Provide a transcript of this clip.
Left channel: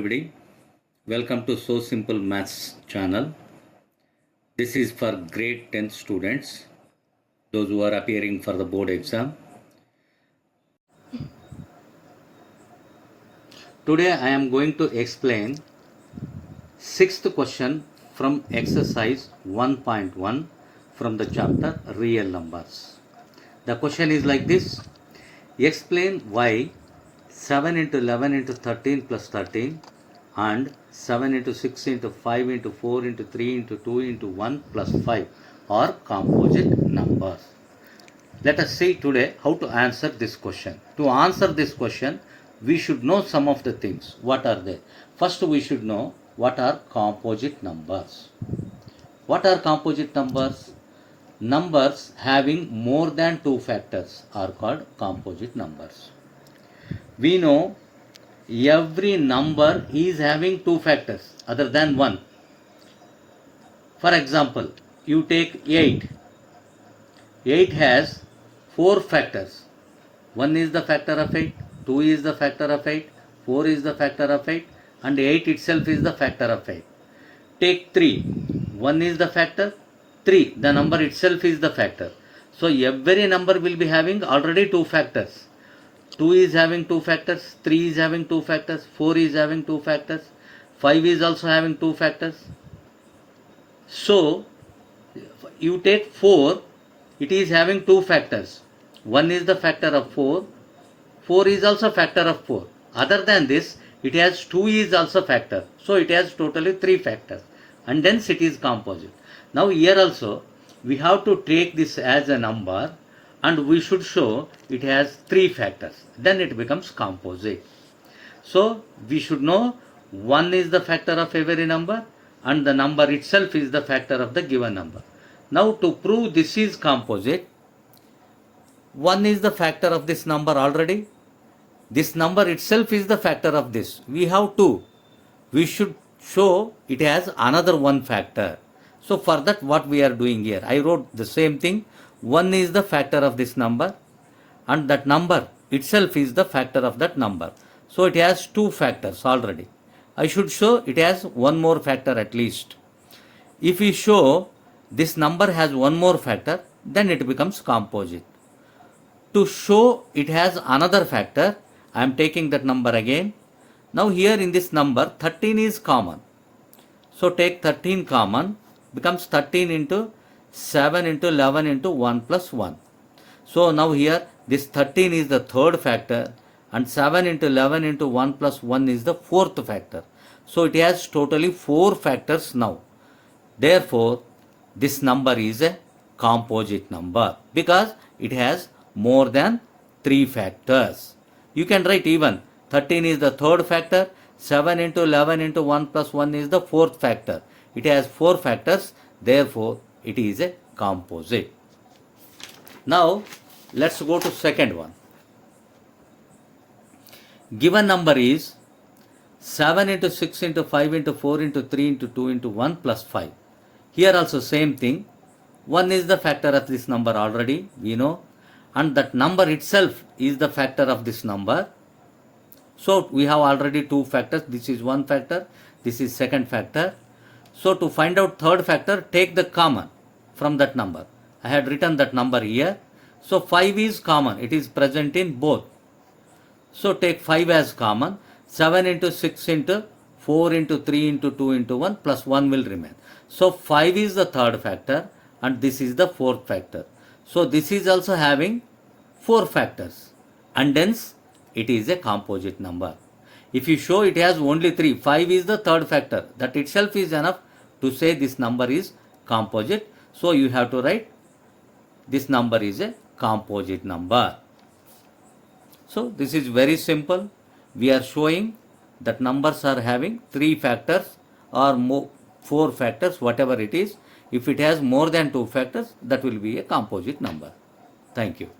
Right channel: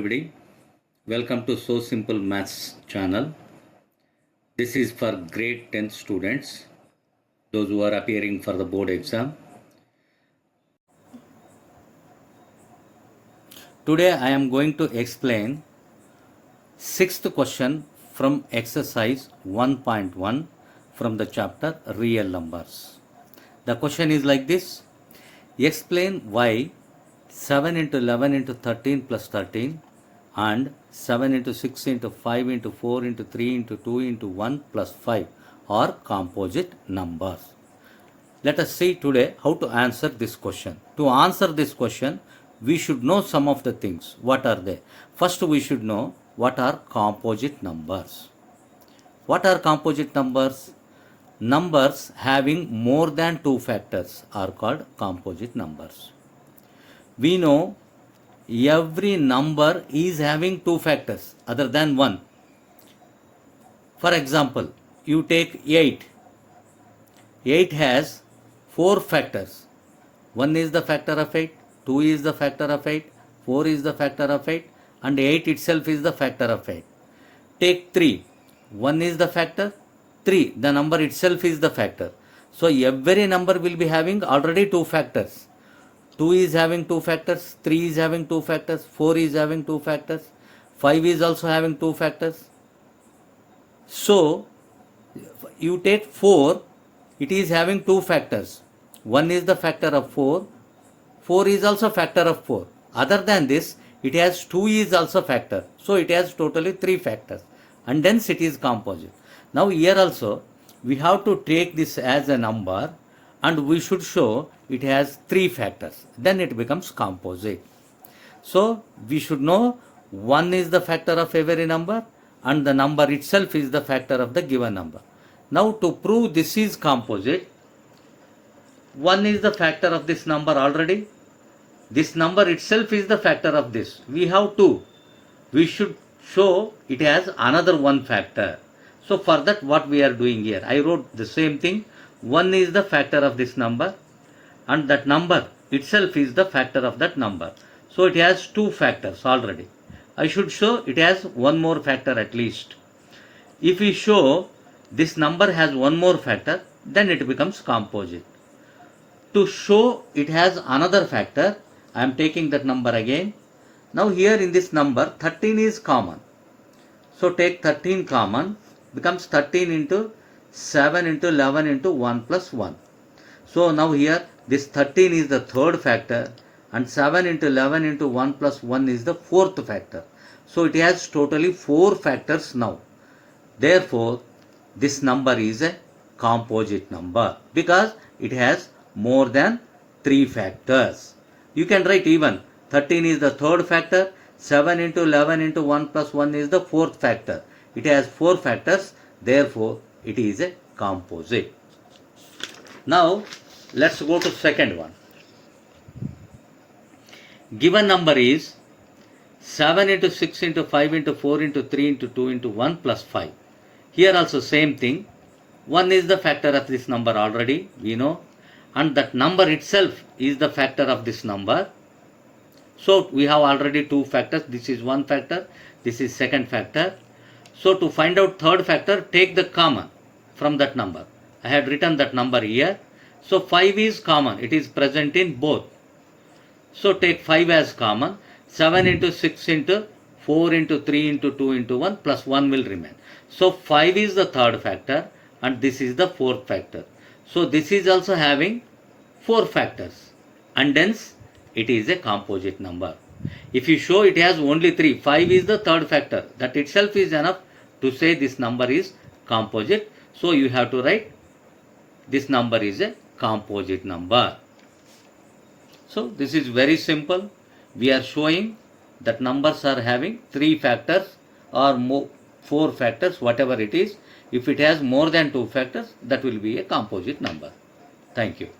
everybody. Welcome to So Simple Maths channel. This is for grade 10 students, those who are appearing for the board exam. Today I am going to explain 6th question from exercise 1.1 from the chapter Real Numbers. The question is like this. Explain why 7 into 11 into 13 plus 13 and 7 into 6 into 5 into 4 into 3 into 2 into 1 plus 5 are composite numbers. Let us see today how to answer this question. To answer this question, we should know some of the things. What are they? First, we should know what are composite numbers. What are composite numbers? Numbers having more than 2 factors are called composite numbers. We know every number is having 2 factors other than 1. For example, you take 8. 8 has 4 factors. 1 is the factor of 8, 2 is the factor of 8, 4 is the factor of 8, and 8 itself is the factor of 8. Take 3. 1 is the factor, 3, the number itself is the factor. So every number will be having already 2 factors. 2 is having 2 factors, 3 is having 2 factors, 4 is having 2 factors, 5 is also having 2 factors. So, you take 4, it is having 2 factors. 1 is the factor of 4, 4 is also factor of 4. Other than this, it has 2 is also factor. So, it has totally 3 factors. And hence it is composite. Now, here also, we have to take this as a number and we should show it has 3 factors. Then it becomes composite. So, we should know 1 is the factor of every number and the number itself is the factor of the given number. Now, to prove this is composite, 1 is the factor of this number already. This number itself is the factor of this. We have 2. We should show it has another 1 factor. So, for that what we are doing here, I wrote the same thing. 1 is the factor of this number and that number itself is the factor of that number. So, it has 2 factors already. I should show it has 1 more factor at least. If we show this number has 1 more factor, then it becomes composite. To show it has another factor, I am taking that number again. Now, here in this number 13 is common. So, take 13 common, becomes 13 into 7 into 11 into 1 plus 1. So, now here this 13 is the third factor and 7 into 11 into 1 plus 1 is the fourth factor. So, it has totally 4 factors now. Therefore, this number is a composite number because it has more than 3 factors. You can write even 13 is the third factor, 7 into 11 into 1 plus 1 is the fourth factor. It has 4 factors, therefore, it is a composite. Now, let's go to second one. Given number is 7 into 6 into 5 into 4 into 3 into 2 into 1 plus 5. Here also same thing. 1 is the factor of this number already, we know. And that number itself is the factor of this number. So, we have already 2 factors. This is 1 factor, this is second factor. So, to find out third factor, take the common from that number. I had written that number here. So, 5 is common. It is present in both. So, take 5 as common. 7 into 6 into 4 into 3 into 2 into 1 plus 1 will remain. So, 5 is the third factor and this is the fourth factor. So, this is also having 4 factors and hence it is a composite number. If you show it has only 3, 5 is the third factor. That itself is enough to say this number is composite. So, you have to write this number is a composite number. So, this is very simple. We are showing that numbers are having 3 factors or 4 factors, whatever it is. If it has more than 2 factors, that will be a composite number. Thank you.